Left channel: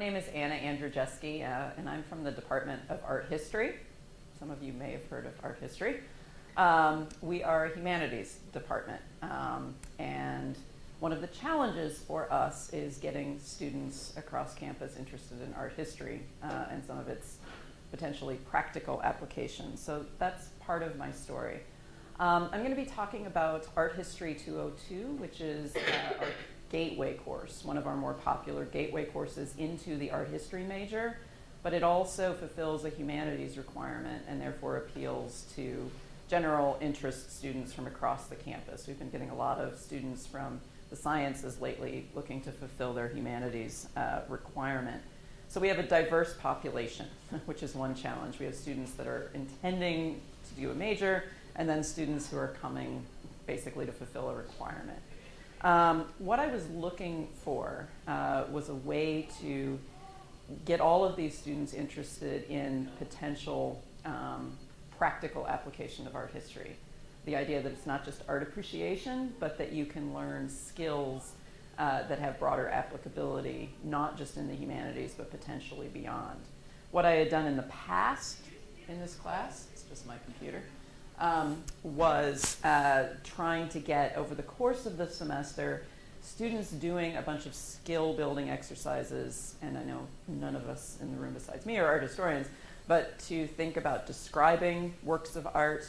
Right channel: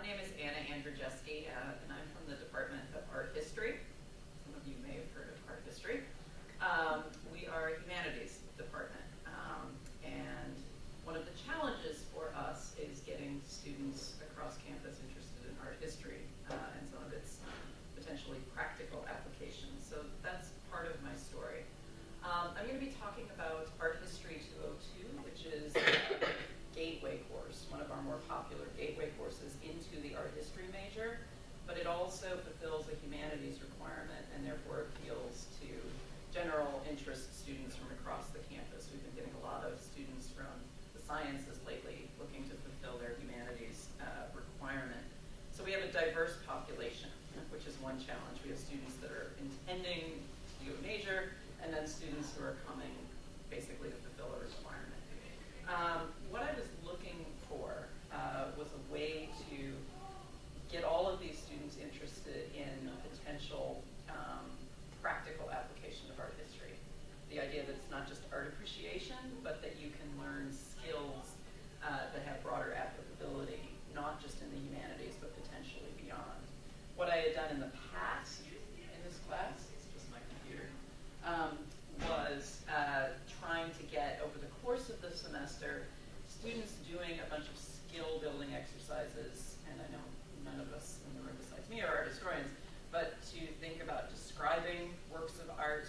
name is Anna Andrzejewski, and I'm from the Department of Art History. Some of you may have heard of art history. We are a humanities department, and one of the challenges for us is getting students across campus interested in art history and some of its potentially practical applications. So that's part of my story. I'm going to be talking about Art History 202, which is our gateway course, one of our more popular gateway courses into the art history major, but it also fulfills a humanities requirement and therefore appeals to general interest students from across the campus. We've been getting a lot of students from the sciences lately looking to fulfill their humanities requirement. So we have a diverse population, which is one challenge. We have students that are intending to do a major, and then students who are coming basically to fulfill a requirement. What I was looking for was a way to get all of these students interested in potential practical application of art history. The idea that it's not just art appreciation, but that you can learn skills that have broader applicability, not just in the humanities, but potentially beyond. What I had done in the past in this class, it's just my computer, was trying to get, over the course of the semester, students doing a bunch of skill building exercises, and I know none of us in the room besides me are art historians, but to think about describing works of art,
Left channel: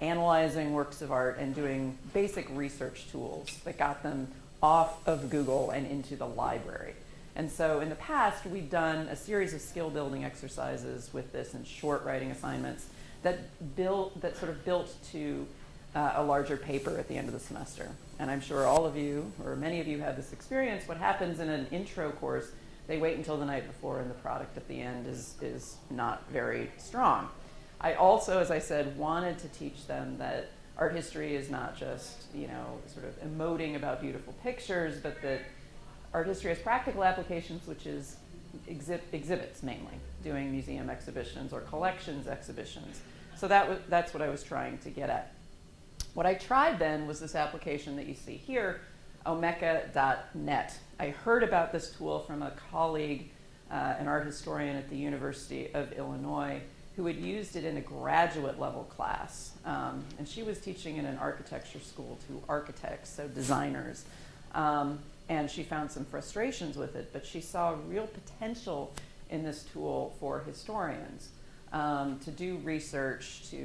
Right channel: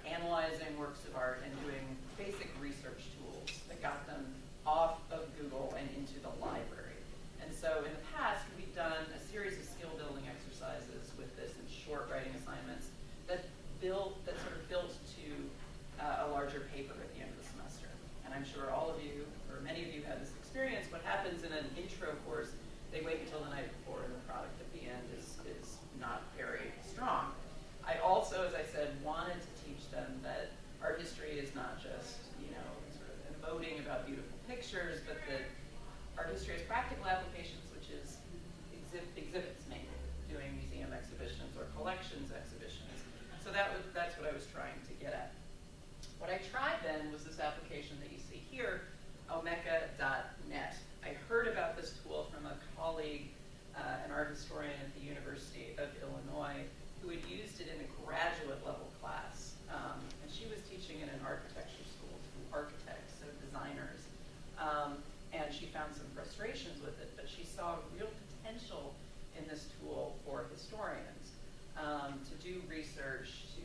analyzing works of art, and doing basic research tools that got them off of Google and into the library. And so in the past, we've done a series of skill building exercises with this and short writing assignments that sort of built to a larger paper at the end of the semester. And I'm sure all of you, or many of you, have this experience. What happens in an intro course, they wait until the night before, and the product at the end is not very strong. I also, as I said, wanted to teach them that art history is not just, sort of emoting about beautiful pictures, but that art history has practical applications, which is exhibits mainly, doing museum exhibitions or collections exhibitions. So that's what I was trying to get at. What I tried then was this application that you see here, omeka.net. I heard about this tool from a colleague, an art historian at the University of Illinois, who had used it in a graduate level class. And she was teaching in an architecture school to architects, so designers. And she found some frustrations with it, but she saw real potential in this tool for historians to do research, to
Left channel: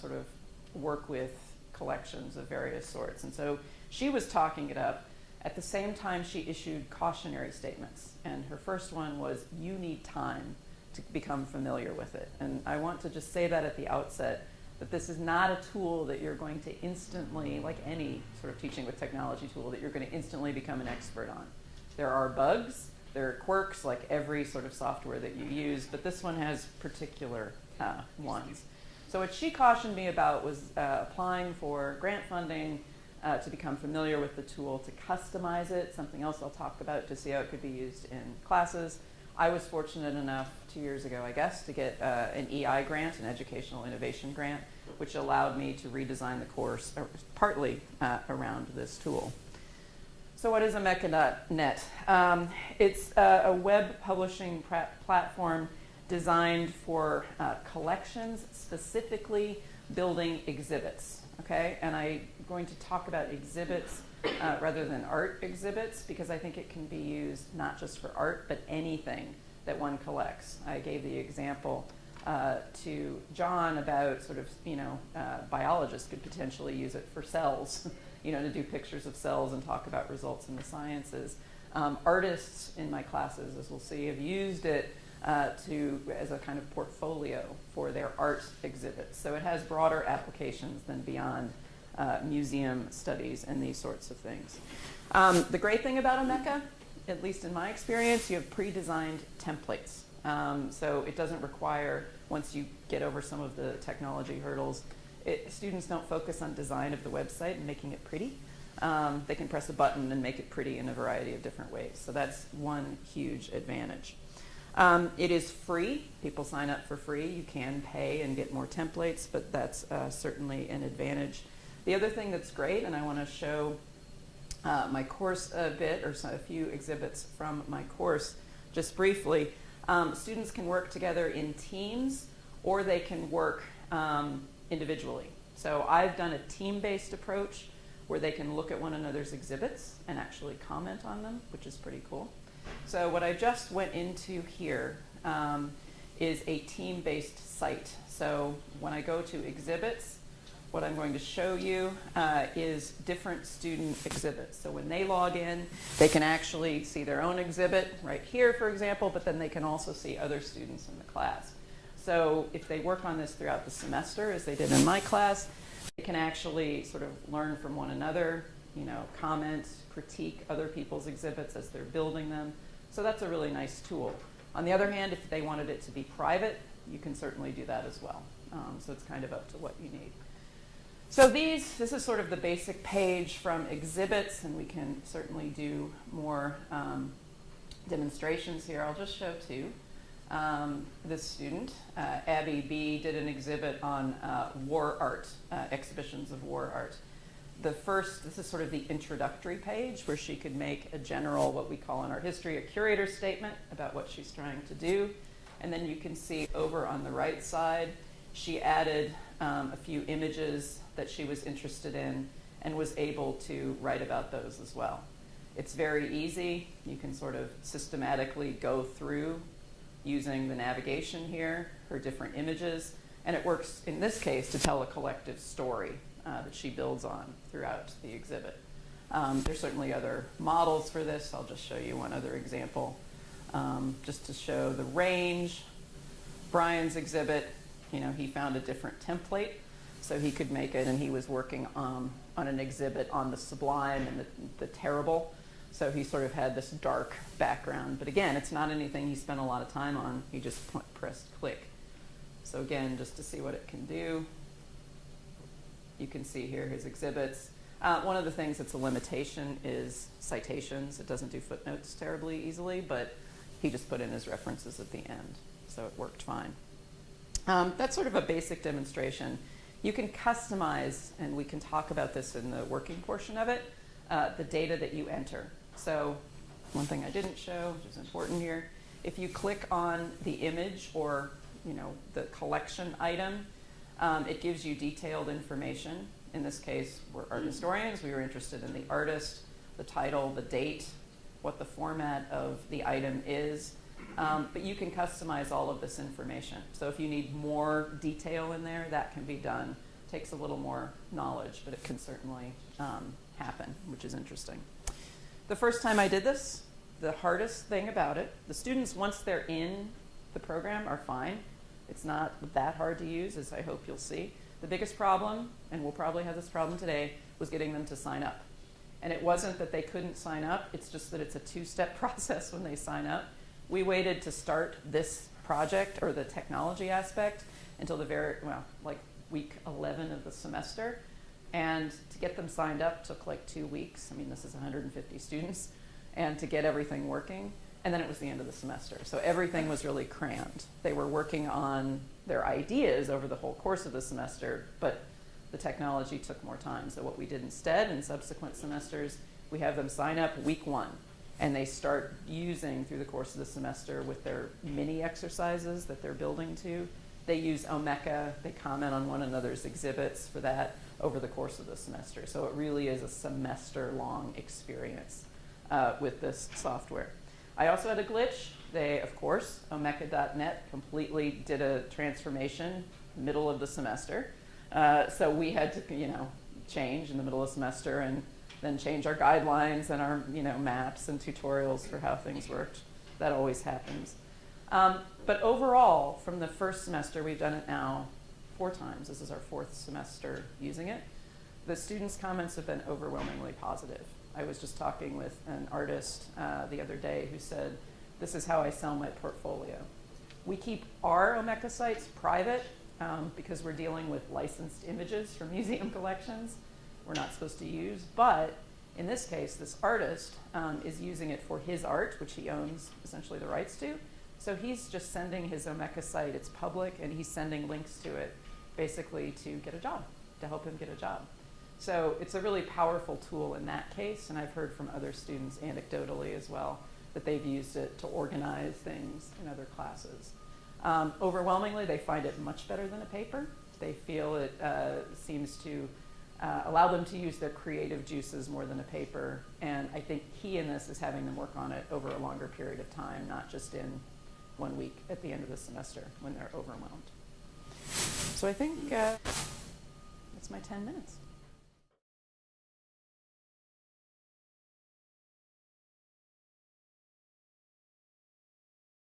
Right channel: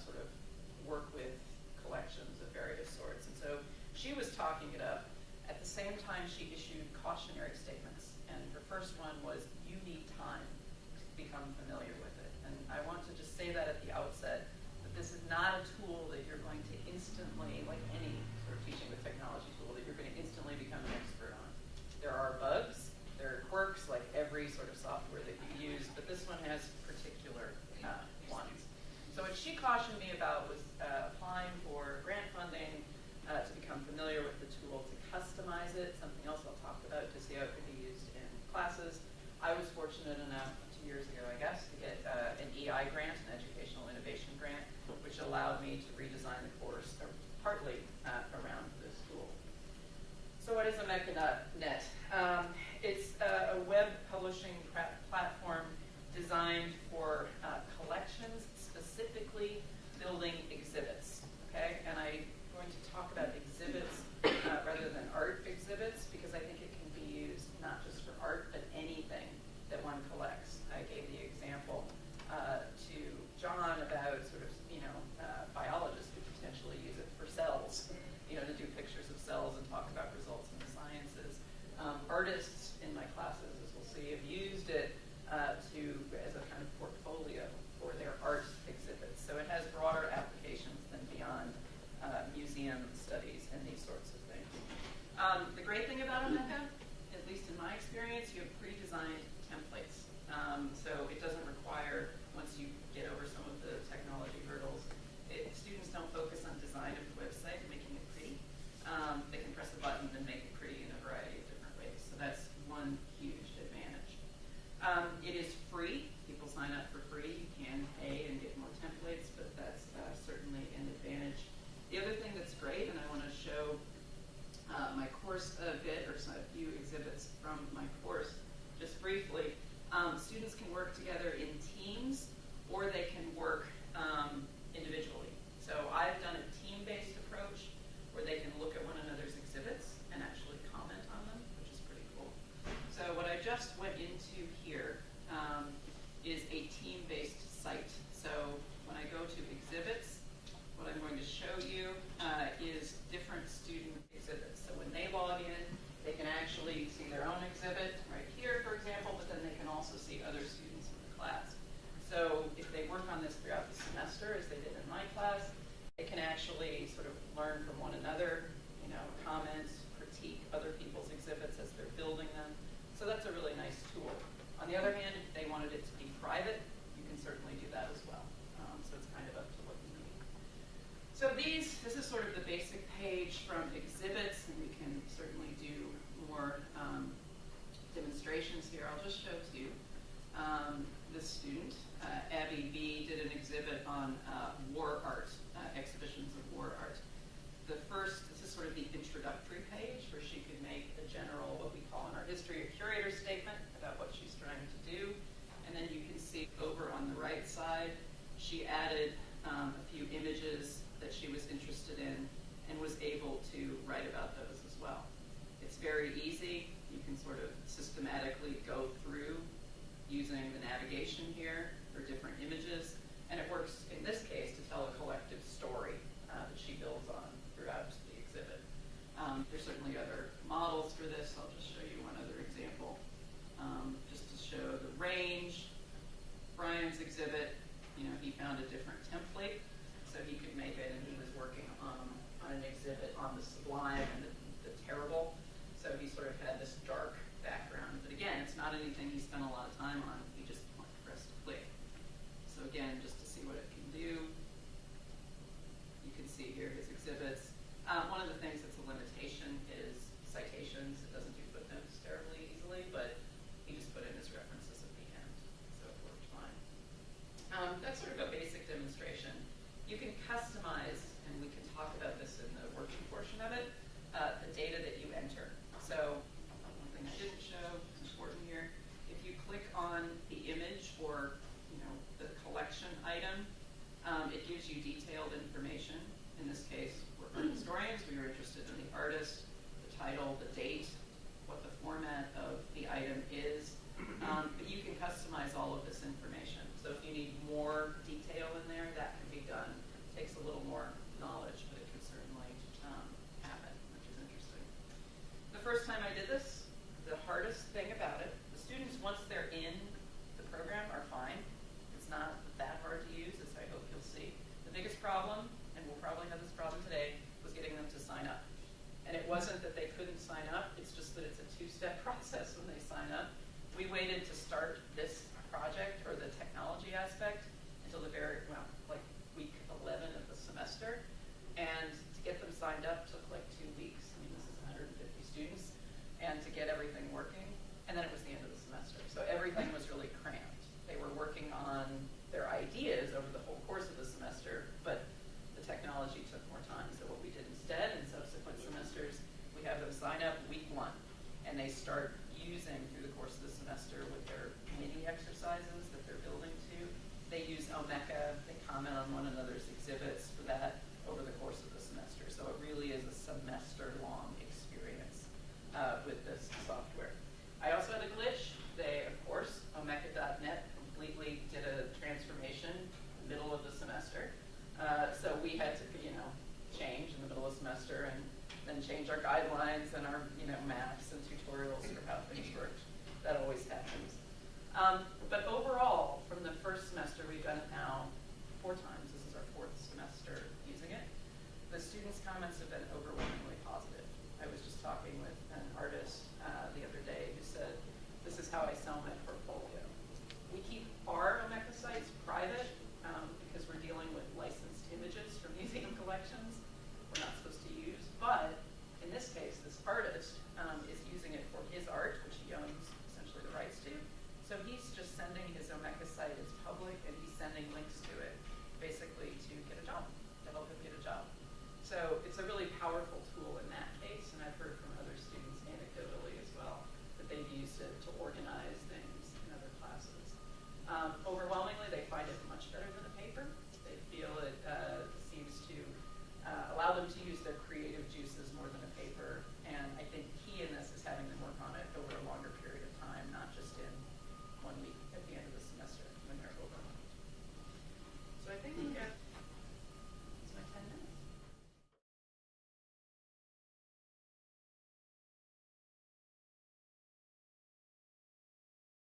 sort of work with collections of various sorts. And so she was talking it up. At the same time, she issued cautionary statements. And her first one was, you need time to become familiar with it. And I want to just say that at the outset, that this is not a tool that you're going to instantly, like any sort of teaching with technology tool, that you're going to instantly become an expert on. There are bugs, there are quirks, like every sort of software that you use, but this one has particular ones. So what she cautioned me about was applying for grant funding to become familiar with the tool, to customize it, something else I'll talk about, to see how it could be used in classes. I was fortunate enough 2 years ago, I guess, to get an EI grant, an Educational Innovation Grant, which allowed me to redesign the course partly around this tool. So what is omeka.net? It's a web publishing platform designed for collections, specifically building exhibits, okay? And I'm going to talk about exhibits rather than art exhibits, because I think it can be used not just for art, but anything that one collects. I gave the example to John about sort of, biologists could potentially use it for cells, to do pictures of cells and talk about results in the sciences. Artists in my classes, as we'll see, have used it as a kind of portfolio for their art exhibits. So it has broader applications than beyond museum studies and these sorts of things. The great thing about Omeka, at least in my experience, you have pre-designed templates. So it doesn't require, once you get over some of the technology hurdles, students don't focus on design of the website and making it pretty. They can press a button and make it pretty in a variety of different ways. So that's one huge advantage. It is free. People sign up for free. You can pay and get more templates, but that's certainly an advantage. The other thing that's great, and I want to show my course a bit, or a few exhibits from my course, just briefly, students can work together in teams or they can work individually. So I've done a team-based approach where they can look at one another's exhibits and actually comment on them, which is pretty cool. So what I just went into here is a team-based site. So when I go to exhibits, what I'm going to show you is different student exhibits. So when they log in, they can actually see their own exhibit right here, for example, but then they can also see other students in the class. So if they work on this throughout the semester, as they did in my class, they can actually sort of learn from one another, comment, critique other people's exhibits as they're building them. So that's a really nice tool. On the other hand, if they wanted it to be private, you can certainly do that as well. So it's kind of up to what you need. So this is sort of the basic page from exhibits, and we can certainly do more demonstrations here. I'll just show two. This student, Abby B, did an exhibit on war art, exhibitions of war art. This is sort of the introductory page where she could make a general, what we call in our history, a curator statement about what she's trying to do. And then you can see over on the right side, she added a few images that she was interested in and was able to write about those as well. It's very easy. You can sort of systematically go through using the navigation here for different images. And it works, in this case, to tell a collective story that she builds on throughout the exhibit. There's certainly other models for this. I'll just show you one other example, just to show the range. Brian's exhibit, he found a different template so he could make it, and he was working on an exhibit on the sublime and the terrible. So he sort of had this dark background. But again, it's not anything he spent a lot of time on. He just pressed click. So again, just to see what it can do, you can see here his exhibits. One of the things that's a limitation is citations. It doesn't do footnotes terribly easily, but he just put in his references at the end. So it worked fine. That's sort of a basic demonstration. You can customize, and we can talk about this in the working portion of it, the data that you enter. So one thing I didn't show, which is important here, if you click on the image or the collection item, it gives you detailed information. In this case, we're art historians. We were interested in the artist, the title, the date, what the format of the item is. But you can customize all of this information. So if you need more detail in there, that can be done. It takes a little more knowledge, but it can certainly happen, which is interesting. The first time I did this, the hardest thing about it, the students, once they're in the program, are fine. It's not that hard to use, as I hope you'll see. The biggest problem, and we'll probably have this problem today, was getting them to sign up. And it wasn't that they couldn't sign up, it's just that it's a two-step process when they sign up. We waited to start this project, or the technology aspect, until the week 11 of the semester. And to get them signed up took like 2 weeks. I mean, this is 150 students. And to get everything working. And then it was the end of the semester. So everything was really crammed. They were working on their ideas over the whole course of the semester, but the technology took more time. So what we did instead in subsequent semesters, we have them sign up week 1. And they start using through the course of the semester with their mini exercises that they're building to. They use Omeka, they comment on one another's exhibits for that over the course of the semester. So it really is a semester-long experience with this software. I also had a glitch. They, of course, Omeka.net completely did a transformation middle of the semester. So we had to, change in the middle of the semester and then change our guidelines and our, maps and tutorials for how things worked. That always happens. But overall, from the first semester, we've done it now 4 times. This is our 4th semester using it. The students' comments have been overwhelmingly positive. I was just talking with an artist the other day who said, this is how I sell my portfolio. We keep our Omeka sites private because we're dealing with licensed images from museum collections we're not supposed to use, but in this case, this artist is using it for his art, which he owns essentially the rights to. So he's just sending his Omeka site, it's public, and he's sending links to it basically to get a job, to help him get a job. So it's a really powerful tool in that case, and I've heard from other students anecdotally as well that they've used it to organize things in other classes. Overwhelmingly, they find it much better than a paper. They feel it seems to allow them to use their creative juices more than a paper. And I think key in this is having them work on it over a longer period of time, not just in 1 week at the end of the semester when they're overwhelmed. So I think